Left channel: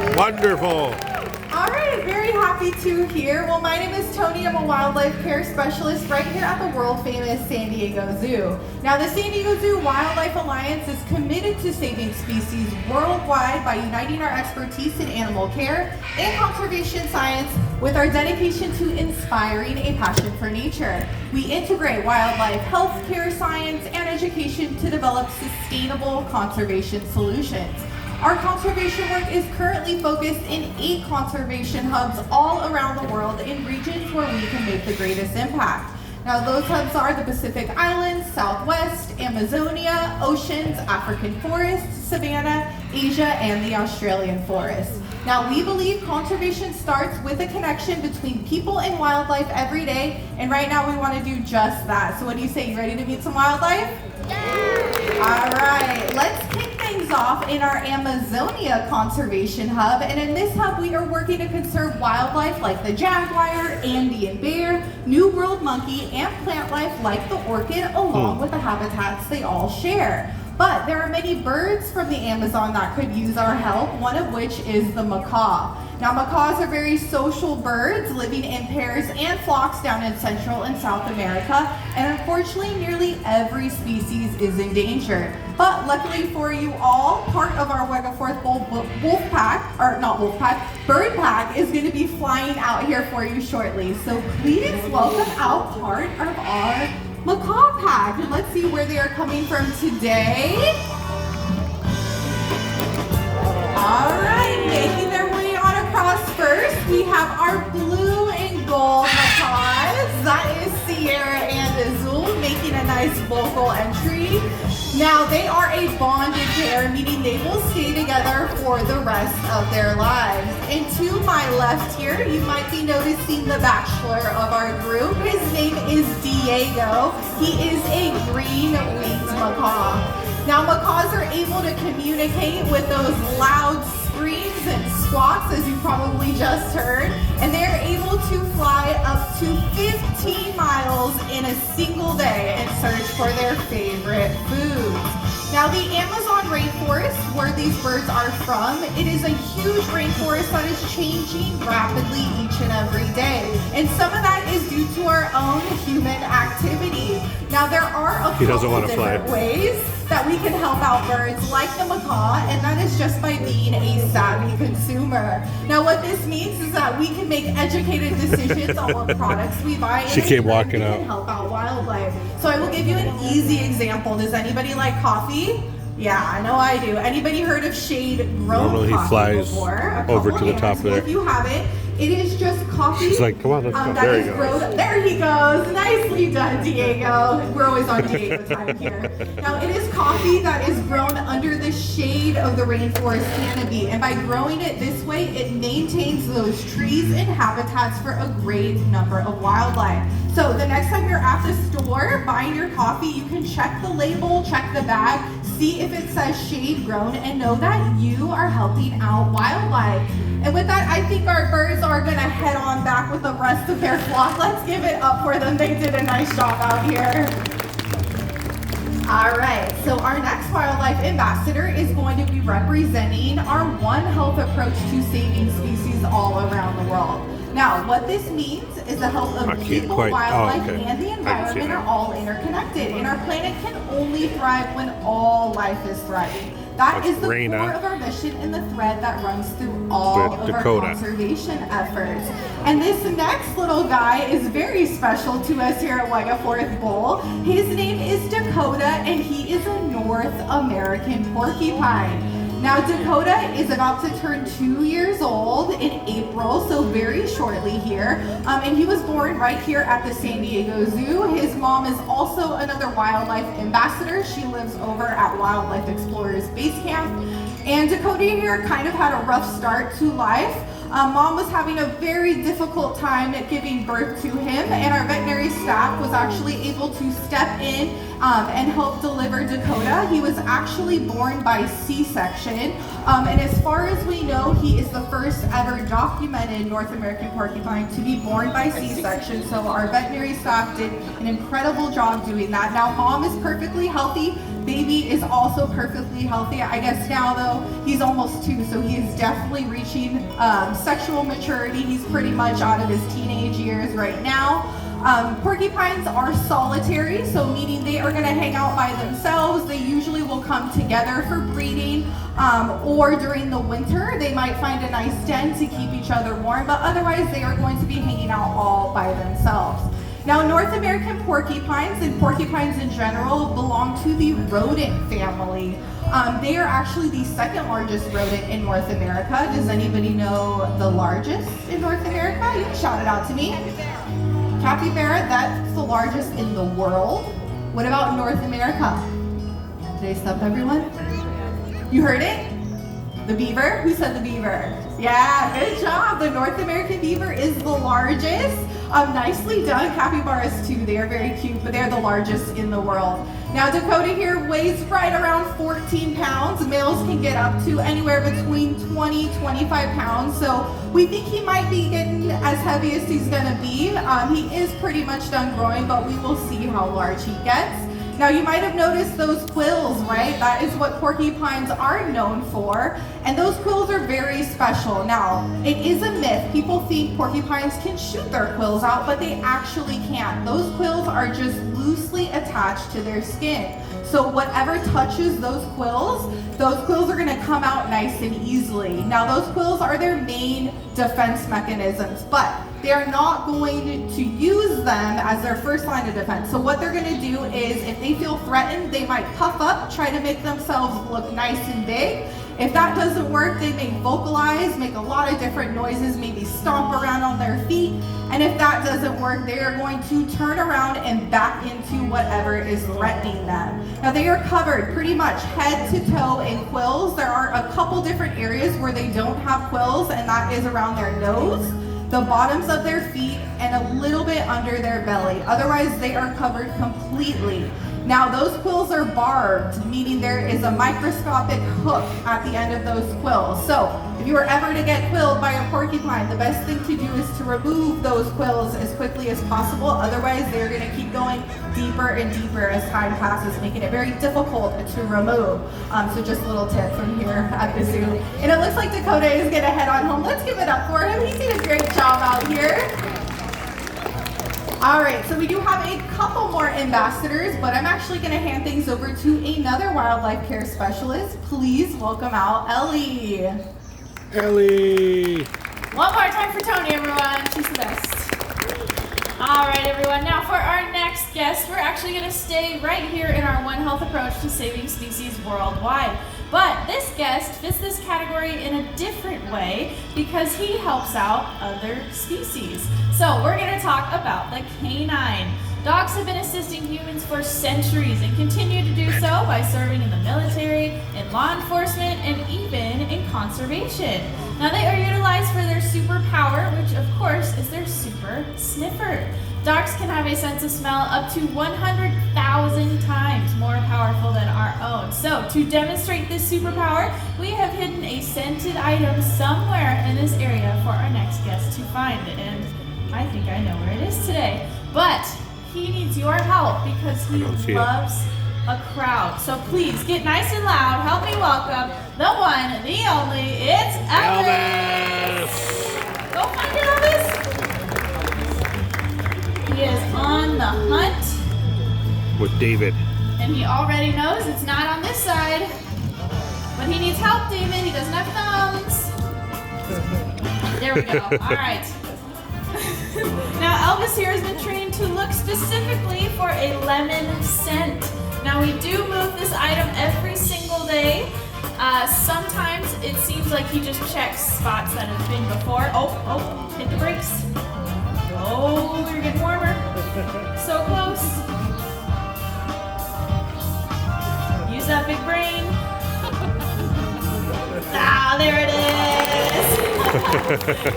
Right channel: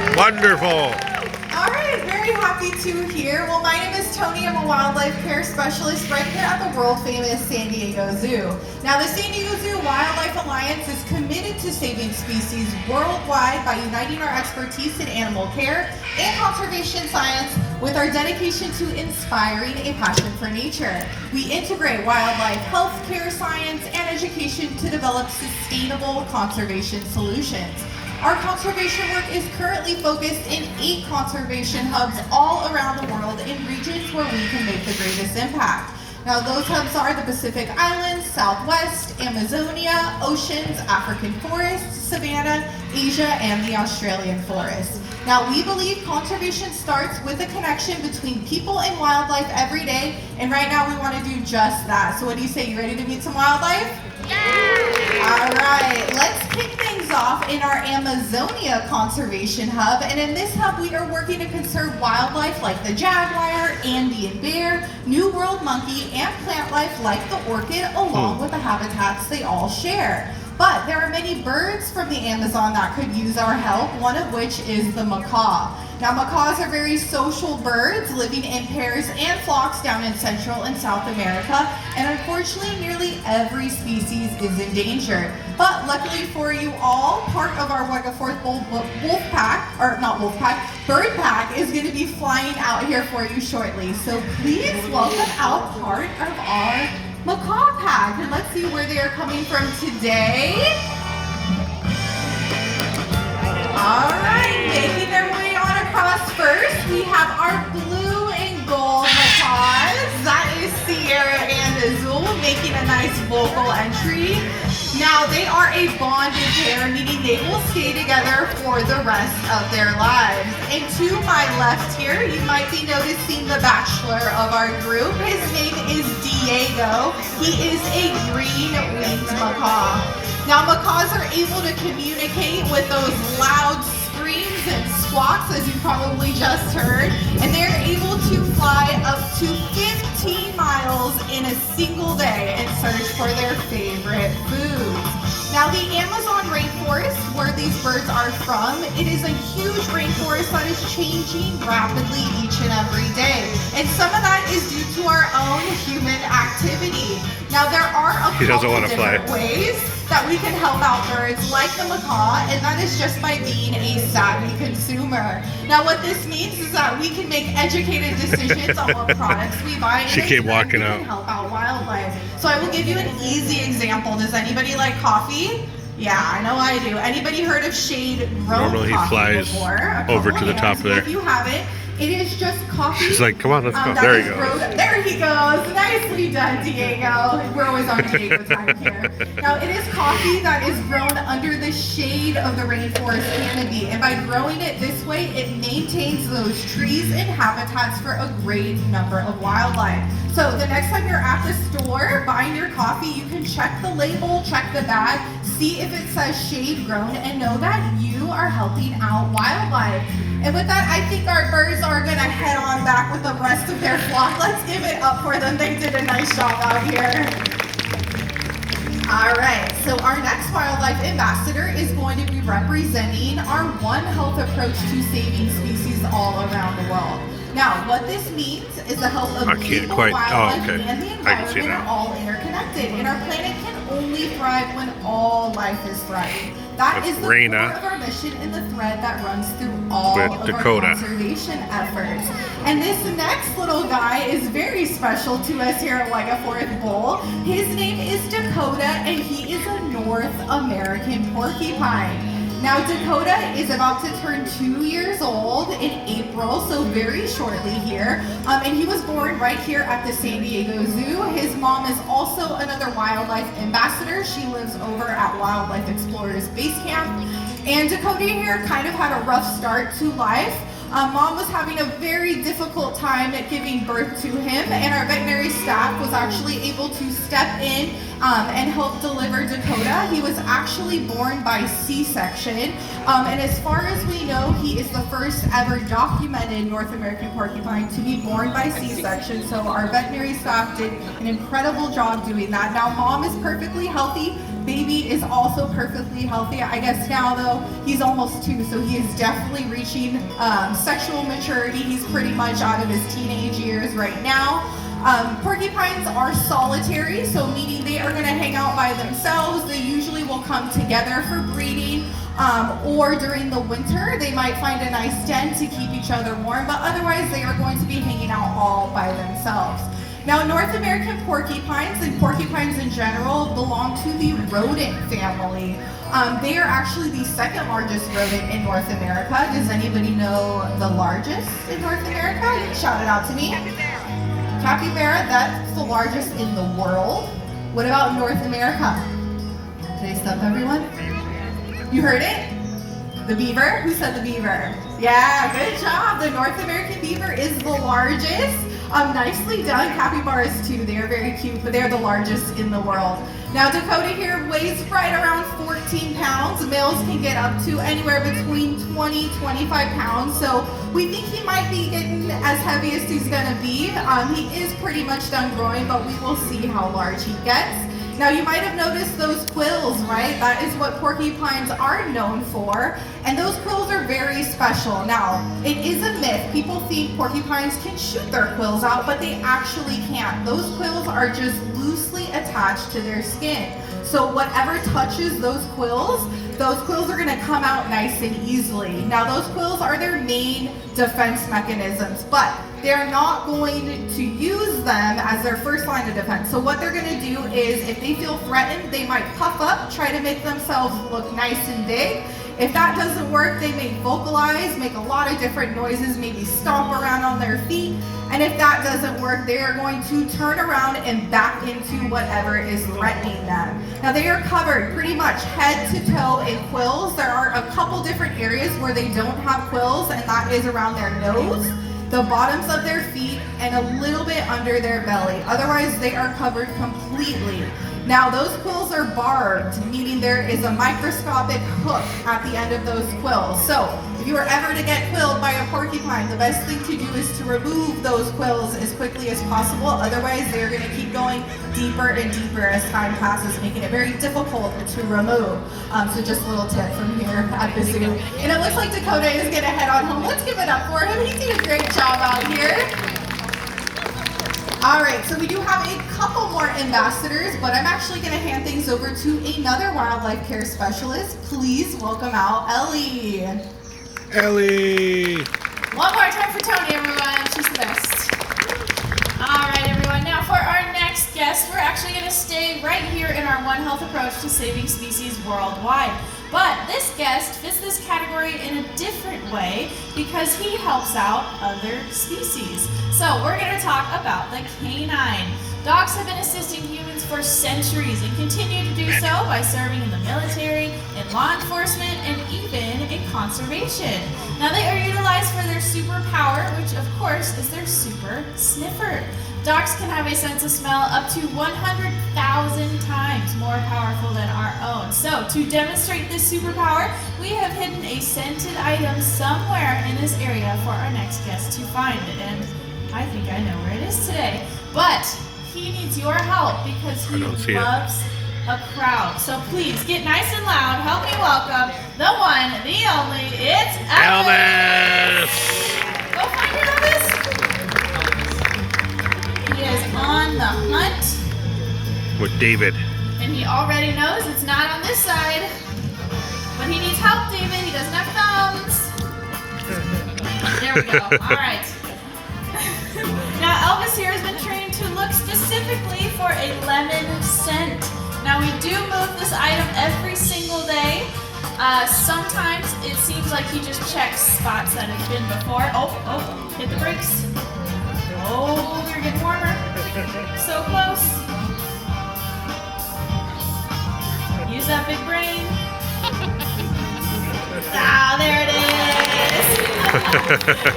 Wonderful. All right, very happy to hear. Well, my name is Tony. I'm a wildlife care specialist right here at the world famous San Diego Zoo. Now, the San Diego Zoo Wildlife Alliance is committed to saving species worldwide by uniting our expertise in animal care and conservation science with our dedication to inspiring a passion for nature. We integrate wildlife health care science and education to develop sustainable conservation solutions. Our conservation work is currently focused in 8 conservation hubs all around the world in regions where we can make the greatest impact. Now, those hubs are the Pacific Islands, Southwest, Amazonia, oceans, African forests, savanna, Asia, and the Australian forest. Now, we believe conservation starts with a connection between people and wildlife every day, and right now we want to do just that. So what do you say? You ready to meet some wildlife? Yeah! All right, let's kick things off in our Amazonia Conservation Hub. And in this hub, we are working to conserve wildlife like the jaguar, Andean bear, New World monkey, and plant life like the orchid, along with the habitats they all share. But there are many birds from the Amazon that could use our help, one of which is the macaw. Now, macaws are very social birds living in pairs and flocks down in Central and South America, and unfortunately, nearly every species is endangered. But luckily for you all, part of our Wegaforth bird pack is going to be flying out here for you shortly. So please welcome out part of our macaw pack, and let's see where they are coming from today. All right, making their way on across first, we have our blue and gold macaws. That is Sierra and Azul making a nice vocal entry. Now, they are a bonded pair, meaning they will stay together for the rest of their lives. And to my left here, you might be noticing the bachelor of our group. His name is Diego. He is a green-winged macaw. Now, macaws are able to communicate with those loud screams and squawks, as you probably just heard, and they're able to fly up to 15 miles in a single day and search for their favorite foods. Now, the Amazon rainforest, where these birds are from, it is a huge rainforest that is changing rapidly each and every day. And some of that is due to our own human activity. Now, there are a couple of different ways that we can help out birds like the macaw, and that is just by being a savvy consumer. Now, what this means is that we can make educated decisions on what products we buy, and she came walking out. Help out wildlife. So I will give you an easy example. Does anybody like coffee? Yeah, I know I do. Anybody heard of shade grown Normally coffee he flies before? over to the top there. If you haven't, it is just coffee. She's like, come on, let's go. There he goes. There he goes. Nicely done, Diego. We're always on Diego time here. Now, it is coffee that is grown under the shade of the rainforest canopy. And by growing it this way, it maintains those trees and habitats for a great number of wildlife. So the next time you're at the store buying your coffee, you can check the label, check the bag, see if it says shade grown, and know that you are helping out wildlife. And with that, I think our birds are going to head on back with the rest of their flock. Let's give it up for them. They did a nice job out here. All right, so our next wildlife ambassador is going to be representing our One Health approach to saving species all around the world. Now, what this means is the health of people, wildlife, and the environment are all interconnected, and our planet can only thrive when all life is thriving. That is the core of our mission and the thread that runs through all of Dakota. our conservation efforts. And this next little guy is very special to us here at Wegaforth Bowl. His name is Dakota, and he is a North American porcupine. Now, Dakota is about to turn 2 years old in April, so very shortly here. And he was born right here at the San Diego Zoo. His mom is also another wildlife ambassador. She lives over at Wildlife Explorers Base Camp. And Dakota here kind of had a rough start to life. Mom was having a very difficult time at giving birth to him, and our veterinary staff was actually able to step in and help deliver Dakota. He was actually born by C-section, and as far as we know, he is the first ever documented North American porcupine to be born by C-section, so our veterinary staff did an incredible job doing that. Now, Mom is perfectly healthy. baby is also perfectly healthy. I guess now though, he's almost 2, so he is definitely reaching sexual maturity. He's pretty much out of his teenage years right now. Porcupines are solitary, so meaning they are going to hang out by themselves. They usually will come together for breeding, or during the winter they might find a nice den to keep each other warm, but otherwise they are going to be hanging out all by themselves. Now, North American porcupines and porcupines in general belong to the rodent family. They are actually the second largest rodent in North America. Does anybody know the largest in North America? You can shout it out to me. Capybara, that's the largest in the world. What about North America? Did I stump everyone? You heard it? The beaver? Who said the beaver? Yeah, good job. The North American beaver is the largest. Nicely done. Capybaras too. They are very cute, but they're the largest in the world. Now Dakota here weighs right around 14 pounds. Males can get up to anywhere between 20-25 pounds. So we think he might be getting as heavy as he's gonna be. He is pretty much done growing, but we will see how large he gets. Now you might have noticed those quills, right? That is what porcupines are known for. And those quills are very special. Now, it is a myth. People think porcupines can shoot their quills out, but they actually can't. Those quills are just loosely attached to their skin. So whatever touches those quills are gonna come out nice and easily. Now those quills are their main defense mechanisms, but they're not going to use them as their first line of defense. So what they're gonna do is, if they feel threatened, they might puff up, try to make themselves look nice and big. If that doesn't work, they may vocalize, make a lot of different noises, maybe stomp around on their feet. And if that doesn't work, they are going to turn around and back into whatever is threatening them. Now they are covered pretty much head to toe in quills. There are a couple different areas where they don't have quills, and that is around their nose, the bottoms of their feet, and a little bit under their belly. Otherwise, they are covered completely. Now, those quills are barbed, meaning there is a microscopic hook at the end of those quills. So, if you were ever to get quilled by a porcupine, the best thing to do is to remove those quills as quickly as possible. Otherwise, they're going to keep going deeper and deeper as time passes, making it very difficult to remove. So just a little tip from here at the zoo. And it looks like Dakota is going to head on home. Let's give it up for him. He did a great job out here. All right, so we do have a couple more ambassadors, but I'm actually going to hand things over to another wildlife care specialist. Please welcome out Ellie. Ellie! One more time for Tony, everyone. She's the best. All right, everyone. Now for our next guest, we're actually going to stay right here in our One Health approach to saving species worldwide. But this guest fits this category in a different way because he helps out other species. So we're going to talk about the canine. Dogs have been assisting humans for centuries and continue to do so by serving in the military, in law enforcement, and even in conservation. Now they are utilized for their superpower, which of course is their super sniffer. Dogs can have a sense of smell up to 100,000 times more powerful than our own. So to demonstrate this superpower, we have hidden a scented item somewhere in this area for our next guest to find. And I think I know where it is today. But he needs your help because he loves a crowd. So please get nice and loud. Help me welcome the one, the only, it's Elvis. Go find your Elvis. He is on the hunt with David. And he already knows it's not on this side. But he needs help, David. He doesn't have thumbs. There we go. All right. Now Elvis here has been trained to look specifically for a lemon scent. Now we do move this item every single day. Sometimes it seems like he just checks spots that have been before. Oh, hit the brakes. Oh, we're getting warmer. So close. Use that big brain. Ah, there it is.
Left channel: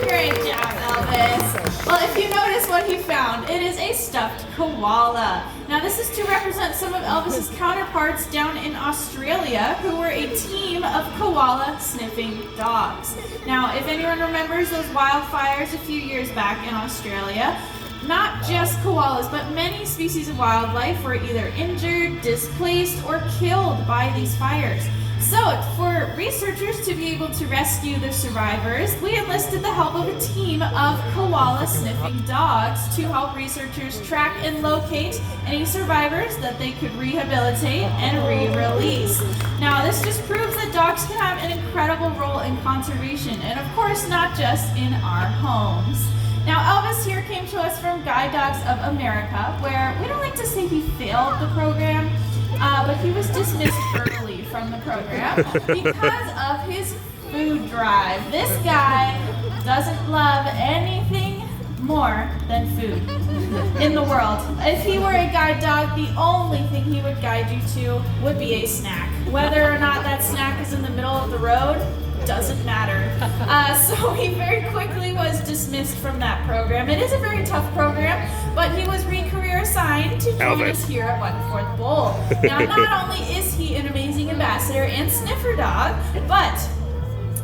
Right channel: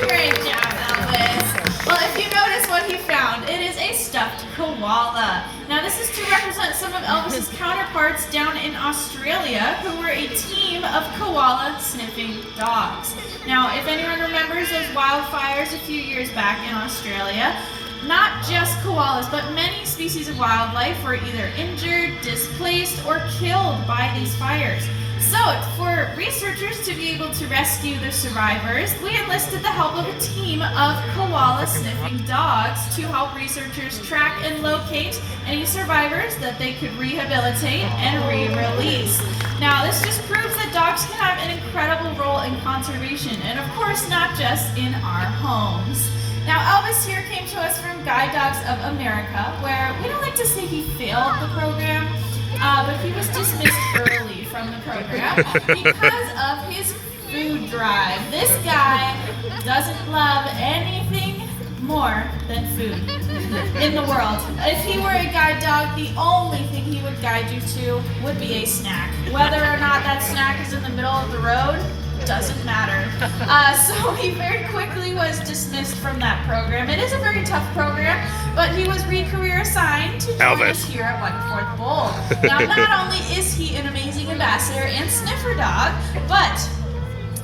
Great job, Elvis. Well, if you notice what he found, it is a stuffed koala. Now this is to represent some of Elvis's counterparts down in Australia who were a team of koala sniffing dogs. Now if anyone remembers those wildfires a few years back in Australia, not just koalas, but many species of wildlife were either injured, displaced, or killed by these fires. So, for researchers to be able to rescue the survivors, we enlisted the help of a team of koala-sniffing dogs to help researchers track and locate any survivors that they could rehabilitate and re-release. Now, this just proves that dogs can have an incredible role in conservation, and of course, not just in our homes. Now, Elvis here came to us from Guide Dogs of America, where we don't like to say he failed the program, but he was dismissed early from the program because of his food drive. This guy doesn't love anything more than food in the world. If he were a guide dog, the only thing he would guide you to would be a snack. Whether or not that snack is in the middle of the road, doesn't matter. So he very quickly was dismissed from that program. It is a very tough program, but he was re-career assigned to join us here at Wentworth Bowl. Now, not only is he an amazing ambassador and sniffer dog, but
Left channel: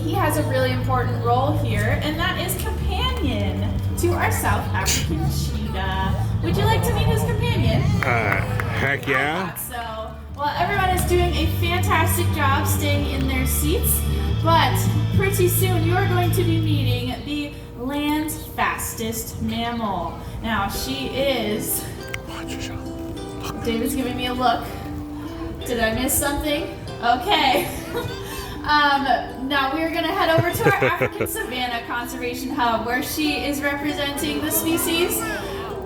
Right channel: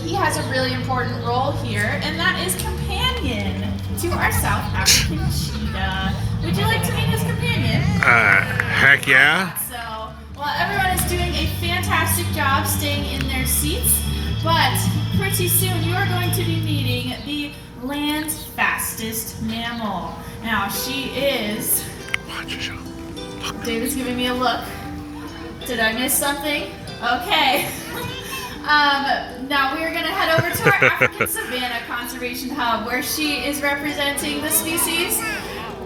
he has a really important role here, and that is companion to our South African cheetah. Would you like to meet his companion? Heck yeah. So, well, everyone is doing a fantastic job staying in their seats. But pretty soon you are going to be meeting the land's fastest mammal. Now she is... David's giving me a look. Did I miss something? Okay. Now we are going to head over to our African Savannah Conservation Hub, where she is representing the species.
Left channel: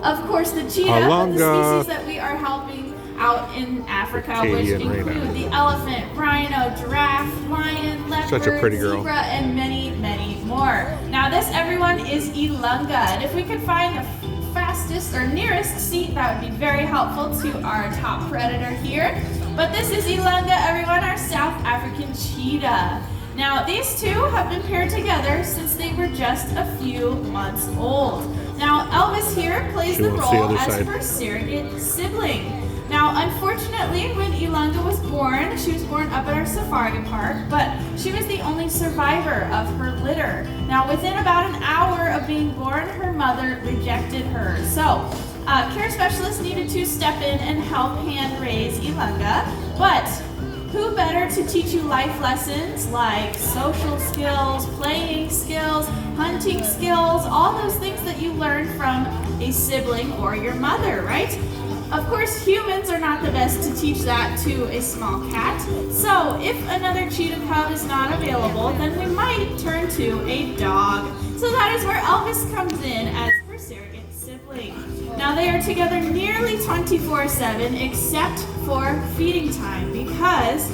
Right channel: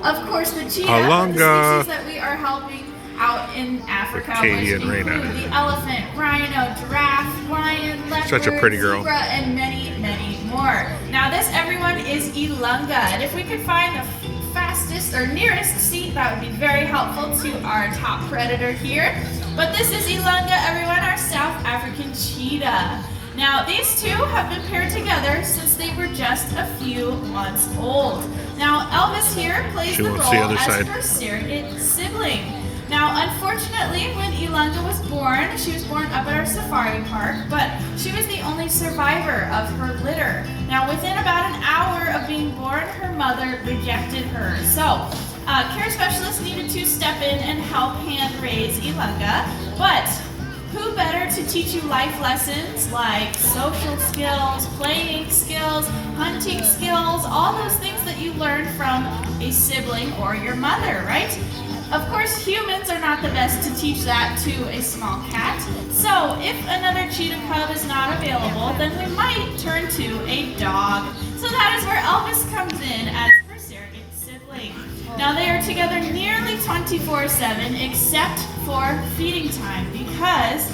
Of course, the cheetah, Ilangha. the species that we are helping out in Africa, which Acadian include rhino. the elephant, rhino, giraffe, lion, leopard, Such a pretty girl. zebra, and many, many more. Now this, everyone, is Ilangha, and if we could find the fastest or nearest seat, that would be very helpful to our top predator here. But this is Ilangha, everyone, our South African cheetah. Now these two have been paired together since they were just a few months old. Now Elvis here plays the role as her surrogate sibling. Now, unfortunately, when Ilangha was born, she was born up at our safari park, but she was the only survivor of her litter. Now, within about an hour of being born, her mother rejected her. So, care specialists needed to step in and help hand raise Ilangha, but who better to teach you life lessons like social skills, playing skills, hunting skills, all those things that you learn from a sibling or your mother, right? Of course, humans are not the best to teach that to a small cat. So if another cheetah cub is not available, then we might turn to a dog. So that is where Elvis comes in as her surrogate sibling. Now they are together nearly 24/7 except for feeding time, because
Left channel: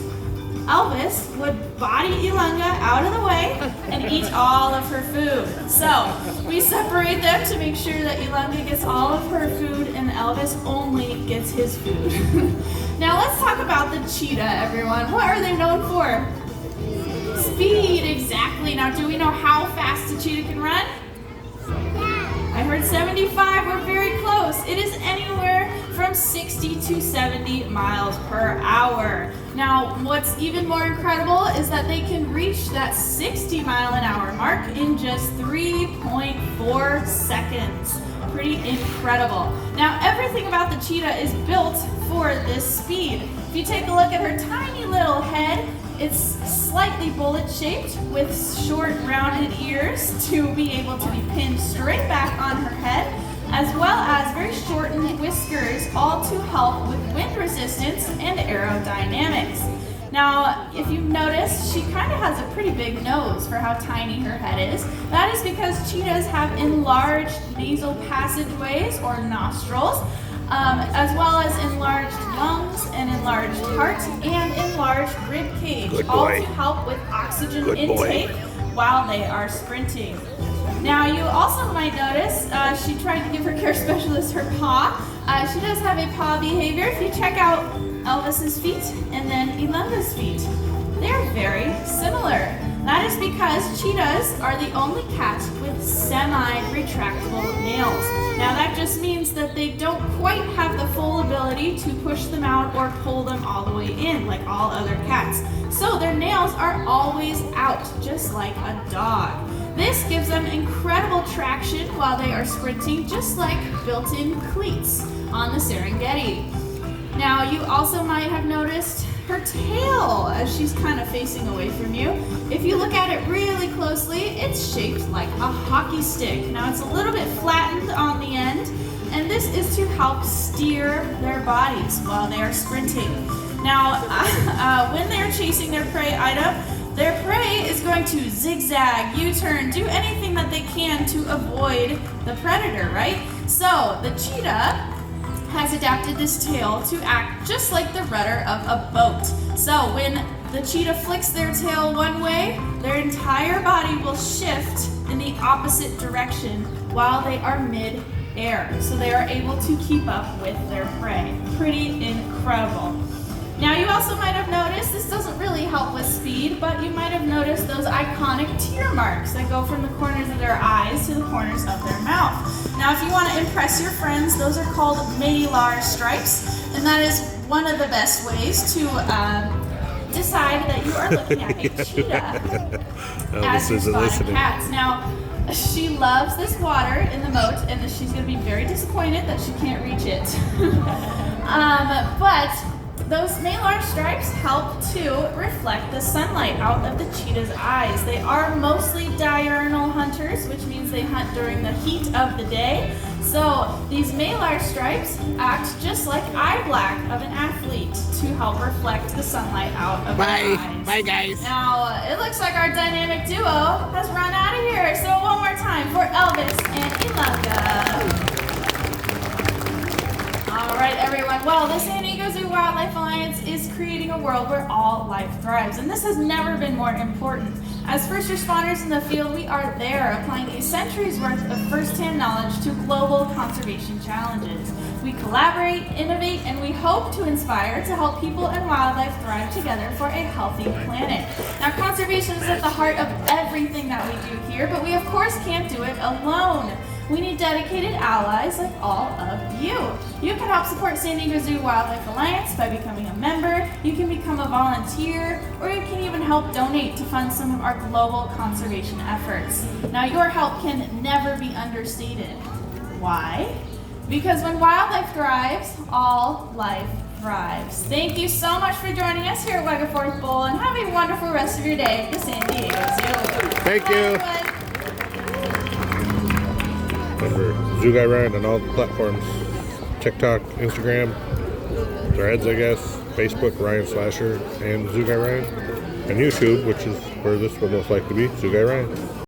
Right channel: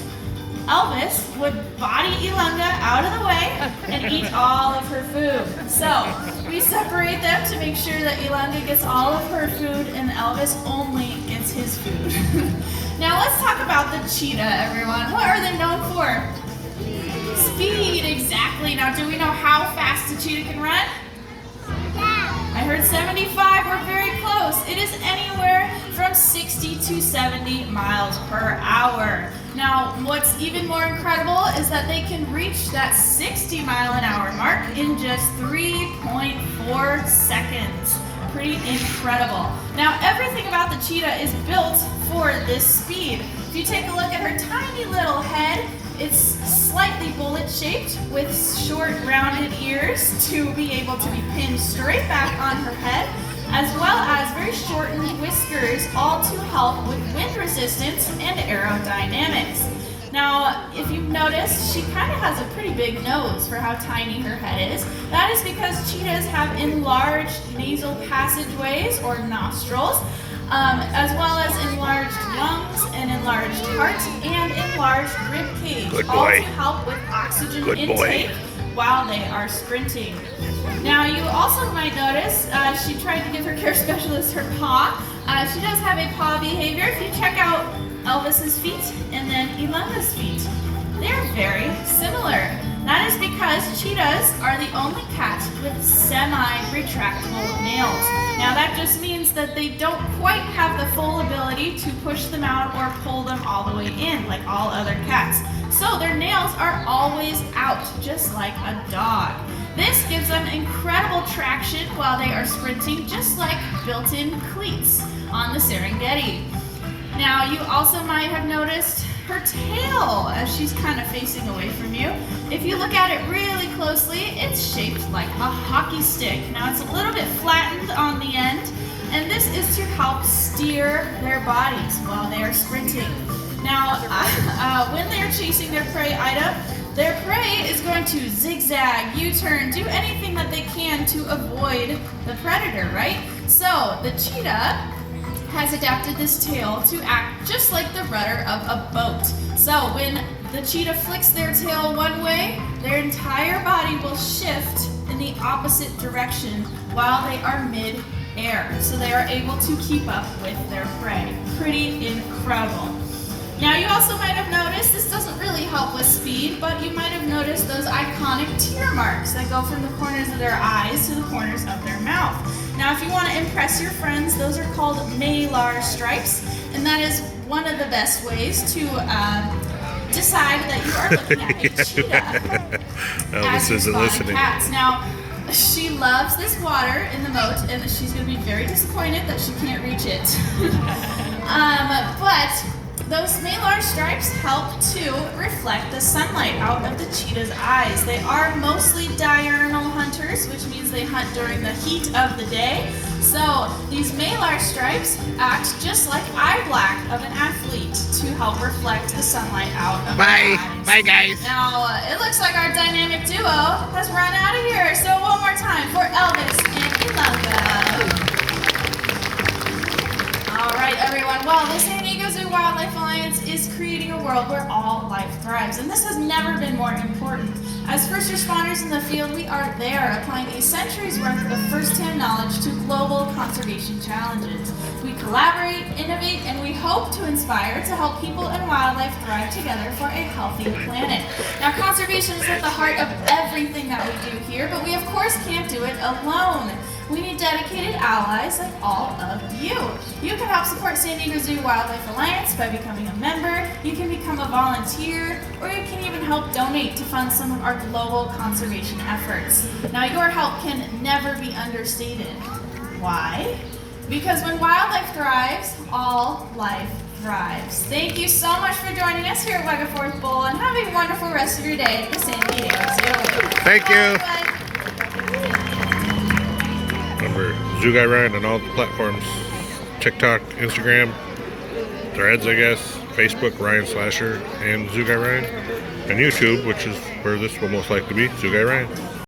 Elvis would body Ilangha out of the way and eat all of her food. So we separate them to make sure that Ilangha gets all of her food and Elvis only gets his food. Now let's talk about the cheetah, everyone. What are they known for? Speed, exactly. Now do we know how fast a cheetah can run? I heard 75, we're very close. It is anywhere from 60 to 70 miles per hour. Now, what's even more incredible is that they can reach that 60-mile-an-hour mark in just 3.4 seconds. Pretty incredible. Now, everything about the cheetah is built for this speed. If you take a look at her tiny little head, it's slightly bullet-shaped with short, rounded ears to be able to be pinned straight back on her head, as well as very shortened whiskers, all to help with wind resistance and aerodynamics. Now, if you've noticed, she kind of has a pretty big nose for how tiny her head is. That is because cheetahs have enlarged nasal passageways or nostrils, as well as enlarged lungs and enlarged heart and enlarged rib cage, all to help with oxygen intake while they are sprinting. Now you also might notice she tried to give her care specialist her paw. She does have a paw behavior. If you check out Elvis's feet and then Ilangha's feet, they're very similar. That is because cheetahs are the only cats with semi-retractable nails. Now that just means that they don't quite have the full ability to push them out or pull them all the way in like all other cats. So their nails are always out, just like a dog. This gives them incredible traction while they are sprinting, just like built-in cleats on the Serengeti. Now you also might have noticed her tail as she's kind of facing away from you. If you look at it really closely, it's shaped like a hockey stick. Now it's a little bit flattened on the end, and this is to help steer their bodies while they are sprinting. Now, when they're chasing their prey item, their prey is going to zigzag, U-turn, do anything that they can to avoid the predator, right? So the cheetah has adapted this tail to act just like the rudder of a boat. So when the cheetah flicks their tail one way, their entire body will shift in the opposite direction while they are mid-air. So they are able to keep up with their prey. Pretty incredible. Now you also might have noticed, this doesn't really help with speed, but you might have noticed those iconic tear marks that go from the corners of their eyes to the corners of their mouth. Now if you want to impress your friends, those are called malar stripes, and that is one of the best ways to decide that you are looking at a cheetah. Elvis isn't listening. Cats. Now, she loves this water in the moat, and she's going to be very disappointed that she can't reach it. But those malar stripes help to reflect the sunlight out of the cheetah's eyes. They are mostly diurnal hunters, which means they hunt during the heat of the day. So these malar stripes act just like eye black of an athlete to help reflect the sunlight out of their eyes. Bye, guys. Now, it looks like our dynamic duo has run out of here. So one more time for Elvis and Ilangha. All right, everyone. Well, the San Diego Zoo Wildlife Alliance is creating a world where all life thrives, and this has never been more important. As first responders in the field, we are there applying a century's worth of first-hand knowledge to global conservation challenges. We collaborate, innovate, and we hope to inspire to help people and wildlife thrive together for a healthy planet. Now, conservation is at the heart of everything that we do here, but we of course can't do it alone. We need dedicated allies like all of you. You can help support San Diego Zoo Wildlife Alliance by becoming a member, you can become a volunteer, or you can even help donate to fund some of our global conservation efforts. Now, your help can never be understated. Why? Because when wildlife thrives, all life thrives. Thank you so much for joining us here at Wegaforth Bowl, and have a wonderful rest of your day at the San Diego Zoo. Thank you. Remember, Zoo Guy Ryan on all the platforms. TikTok, Instagram, Threads, I guess, Facebook, Ryan Slasher, and Zoo Guy Ryan. And YouTube, which is where this will most likely be, Zoo Guy Ryan.